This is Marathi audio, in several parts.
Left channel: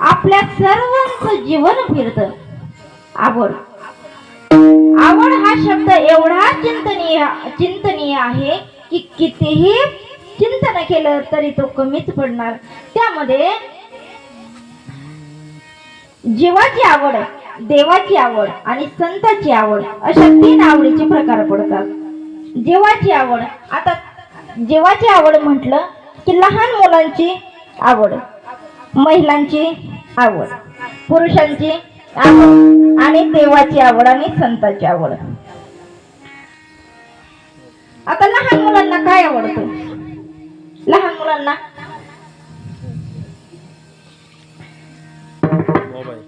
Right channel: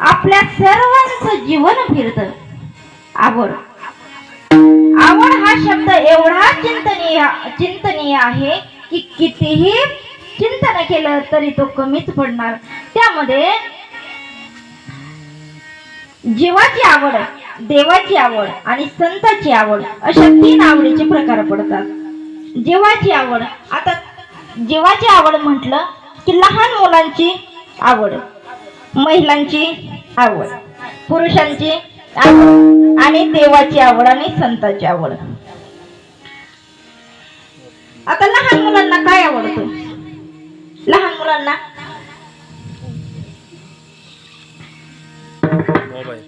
आपल्या सर्वांचं जीवन फिरत. आवड. आवड हा शब्द एवढा चिंतनीय चिंतनीय आहे की कितीही चिंतन केलं तरी तो कमीच पडणार. त्यामध्ये जीवाची आवड देवाची आवड आणि संताची आवड अशा तीन आवडीचे प्रकार पडतात. जीवाची आवड आता जीवाची आवड म्हटलं की लहान मुलांची आवड. महिलांची आवड पुरुषांची आवड आणि देवाची आवड आणि संताची आवड. आता लहान मुलांना काय आवडतो? लहान मुलांना?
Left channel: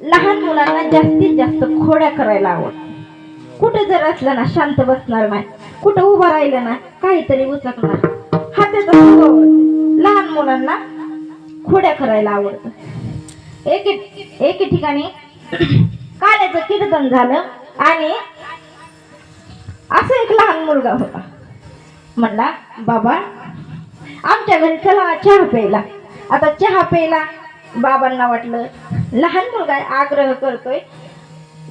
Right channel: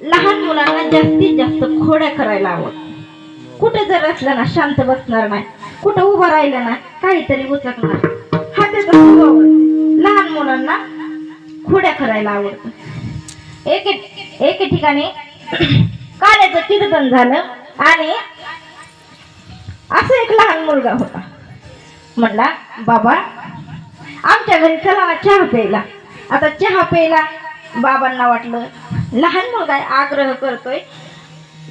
लहान मुलांना जास्तीत जास्त खोड्या करायला आवड. कुठे जर असलं ना शांत बसणार नाही कुठं उभं राहिलं ना काहीतरी उचकणार हा त्याचा लहान मुलांना खोड्या करायला आवडत. एक एक ठिकाणी काल्याचं कीर्तन झालं आणि असं एक लहान मुलगा होता. म्हणला बाबा आमच्या घरी चला ना चहा प्यायला. आता चहा प्यायला बाबांना वाटलं लहान मुलगा आग्रह करतोय.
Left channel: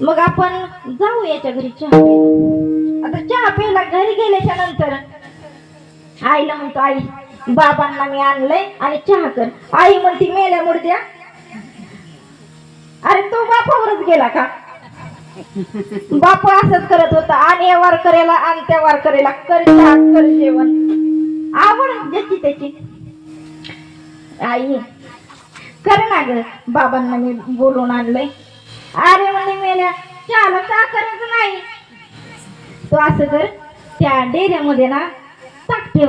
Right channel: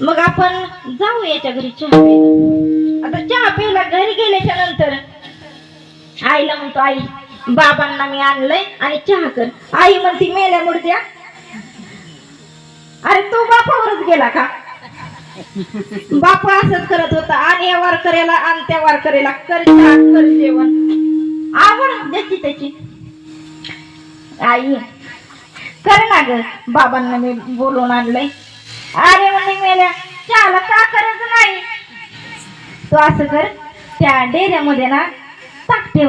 मग आपण जाऊ याच्या घरी चहा प्यायला. आता चहा प्यायला घरी गेल्याच्यानंतर आईला म्हणतो आई बाबांना मी आणलंय आणि चहा कर. आई म्हणती मेल्या मुडद्या अरे तो बापावरच गेला का? बापा असंच करत होता. आणि या वारकऱ्याला आणि त्या वारकऱ्याला कर चहा, कर जेवण. आवड ज्याची त्याची. आई कर ना ग. बाबांना मी बोलून आणलंय. अरे म्हणे मेल्या चहाला का करत नाही? तू असं कर त्या डेऱ्यामध्ये ना